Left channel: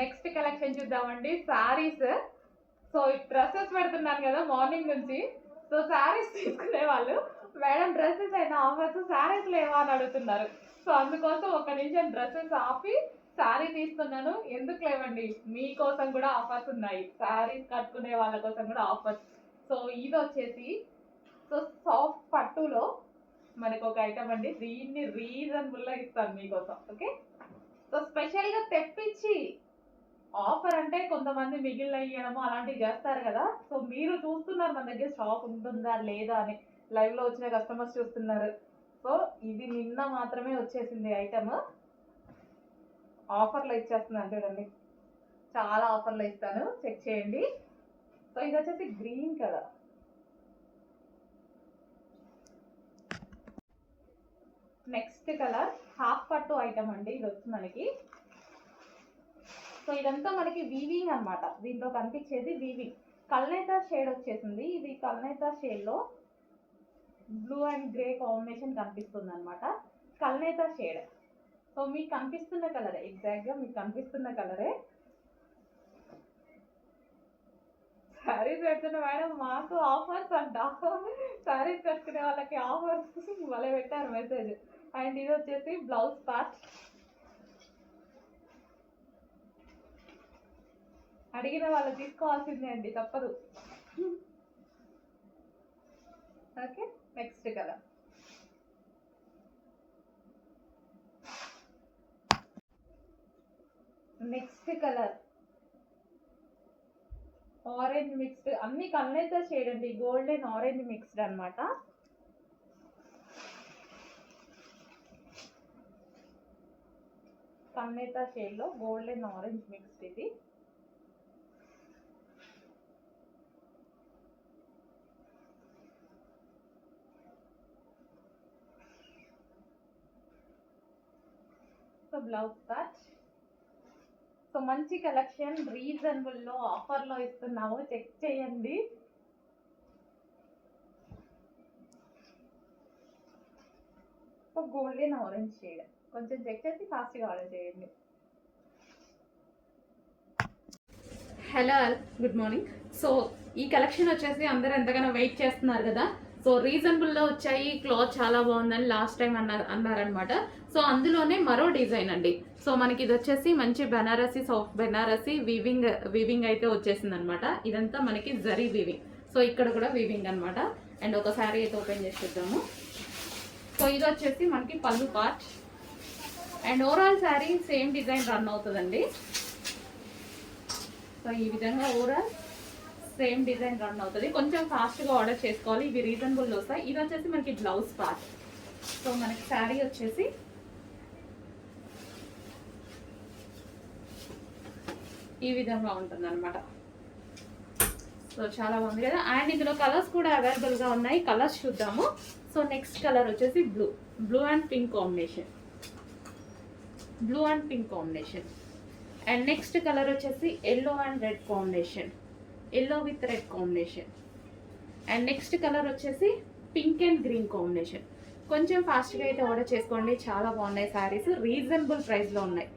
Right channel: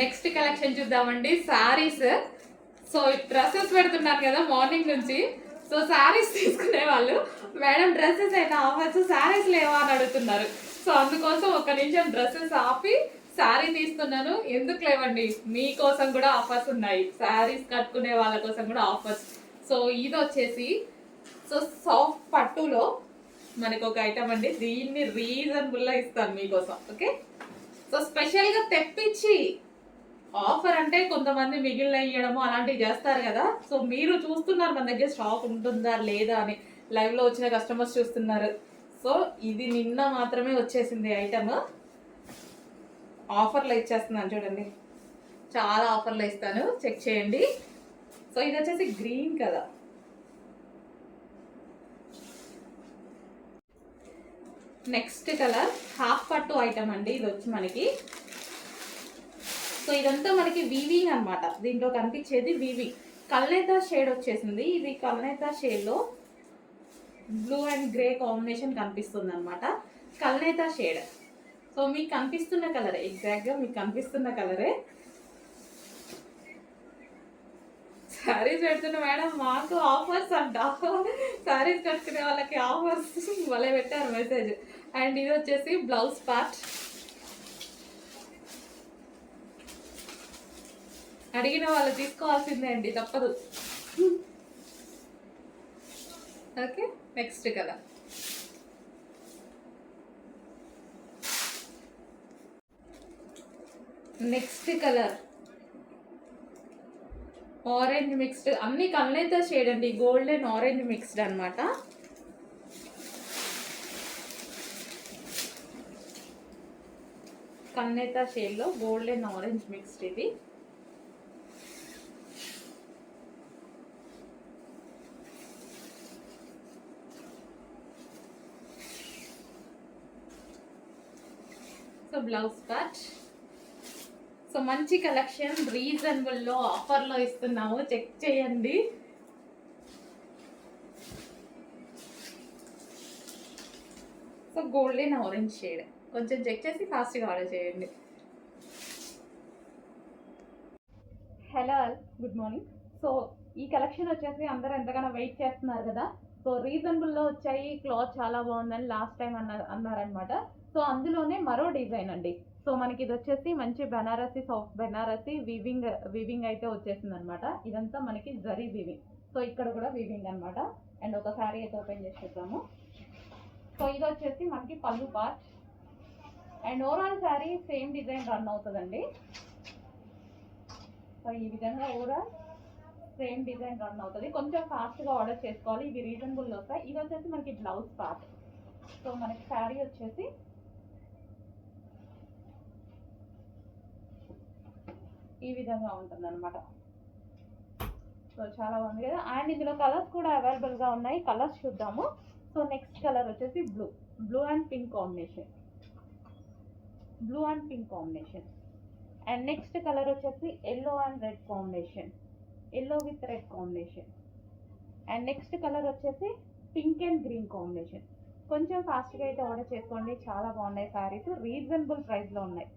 Next collection చూద్దామండి. Saris. So dresses పెడుతున్నారు కదా మార్నింగ్ నుంచి. సో శారీస్ తీసుకునే వాళ్ళు మేడం డ్రెస్సెస్ అయినా ఆఫర్స్ శారీస్ లేవా అని అడుగుతున్నారు. సో అందుకోసం ఒక నిమిషం డ్రెస్సెస్ ఆపి శారీ తీస్తున్నాను. ఎందుకు లేవండి, మీకోసం కూడా ఆఫర్స్ ఉన్నాయి. శారీస్ కట్టుకునే వాళ్ళ కోసం కూడా ఆఫర్స్. సో ఇది వచ్చేసి సో సాఫ్ట్ పట్టులో మనకు ఒక ఐటమ్ అండి. దీన్ని రీజనబుల్గా ఇస్తాను మీకోసం. ఓకే, సో స్పెషల్గా తెప్పించి ఆఫర్ అంటే కొంతమంది మిగిలిన ఇవ్వడము అలాంటివి చేస్తారు కదా. సో మీరు చూస్తున్నారు మన దగ్గర స్టాక్ ఉంటుందా లేదా అని, లైవ్లో వచ్చిన కస్టమర్స్ చూస్తున్నారు. సో ఇది నిన్న మాత్రమే వచ్చేసింది ఐటమ్. ఆఫర్లో ఇచ్చేస్తున్నాను చూడండి, చాలా ఆఫర్లో ఇస్తాను, చెక్ చేయండి. సో ఇది వచ్చేసి green colour. Next colour half పట్టు ఐటమ్ అండి. ఇది వచ్చి మనకి సో ఇదంతా మనకి వీవింగ్ అనమాట. దీంట్లో కనిపించేది వీవింగ్. కల్నేతా షేడ్ వచ్చేసింది. ఇది కల్నేతా షేడ్లో బ్లూ అండ్ గ్రే కాంబినేషన్ కనిపిస్తుంది అనమాట. కల్నేతా షేడ్. సో మీకు కనిపిస్తున్న కలరే, ఎగ్జాక్ట్గా మీకు కనిపిస్తున్న కలరే. శారీస్ పెడుతున్న మేడం మాకు ఆఫర్స్ అంట. శారీస్ కట్టుకునే వాళ్ళకి ఆఫర్స్ భలే పెట్టారు మెసేజ్. అండ్ ఇది వచ్చేసి బ్లౌజ్ పార్ట్. అడిగిన వాళ్ళు తీసుకోవాల్సిందే అండి, తప్పదు. Okay, next colour. Next colour orange mixed. అన్ని కల్నేతా షేడ్ అండి, గోల్డ్ అండ్ ఆరెంజ్ మిక్స్డ్ అనమాట. కల్నేతా షేడ్లో గోల్డ్ అండ్ ఆరెంజ్ మిక్స్డ్. ఇది సో బ్లౌజ్ పార్ట్. సో మంచి కలెక్షన్, రీజనబుల్లో ఆఫర్లో ఇస్తున్నాము, చెక్ చేయండి. సో గోల్డెన్ ఆరెంజ్ షేడ్, కొంచెం చెక్ చేసి ఫాస్ట్గా ఆర్డర్ చేయండి. Hello, good morning. సో ఈ కలెక్షన్ వచ్చేసి అందరూ ఎంతగానో వెయిట్ చేస్తున్నారు కదా. సో రీజనబుల్లో వచ్చాయి, క్లాత్ చాలా బాగుందని లాస్ట్ టైం అన్నారనమాట. సో అందులోనే మరో డిజైన్ అండి. సో మనకి ఇది వచ్చేసి మంచి బెనారసీ, సాఫ్ట్ బెనారసీ వీవింగ్ అయితే వచ్చేసింది అనమాట. ఇదంతా మనకి జరీ వీవింగ్. సో ఇక్కడ కూడా వీవింగ్ అనమాట. అండ్ ఒక శారీ అయితే ఓపెన్ చేసి చూద్దాము. సో ఇది వచ్చేసి మనకి పళ్ళు part. And overall sari same design run అవుతుందండి. సో ఈ విధంగా ఓవరాల్ సేమ్ డిజైన్ రన్ అవుతుంది. కొంచెం ఫాస్ట్గా ఆర్డర్ చేసుకోవాలి, ఇవి రీజనబుల్లో వస్తాయి. ఇది వచ్చేసి మనకి బ్లౌజ్ పార్ట్. సో మనకి శారీ వచ్చేసి ఈ విధంగా ఉంటుంది అనమాట. సో చాలా బాగుంది కదా. అండ్ ఇందులో కలర్స్ కూడా అవైలబుల్గా ఉన్నాయి, కలర్స్ చూద్దాము. సో నెక్స్ట్ కలర్ వచ్చేసి blue and pink combination. Blue and pink combination. And next colour వచ్చేసి yellow and red combination, yellow with red combination. And next colour వచ్చేసి పింక్ అండ్ గ్రీన్ కాంబినేషన్. కొంచెం ఫాస్ట్గా అయితే ఆర్డర్ చేసుకోండి, చాలా బాగున్నాయి శారీస్, రీజనబుల్ ప్రైస్లో ఉన్నాయి.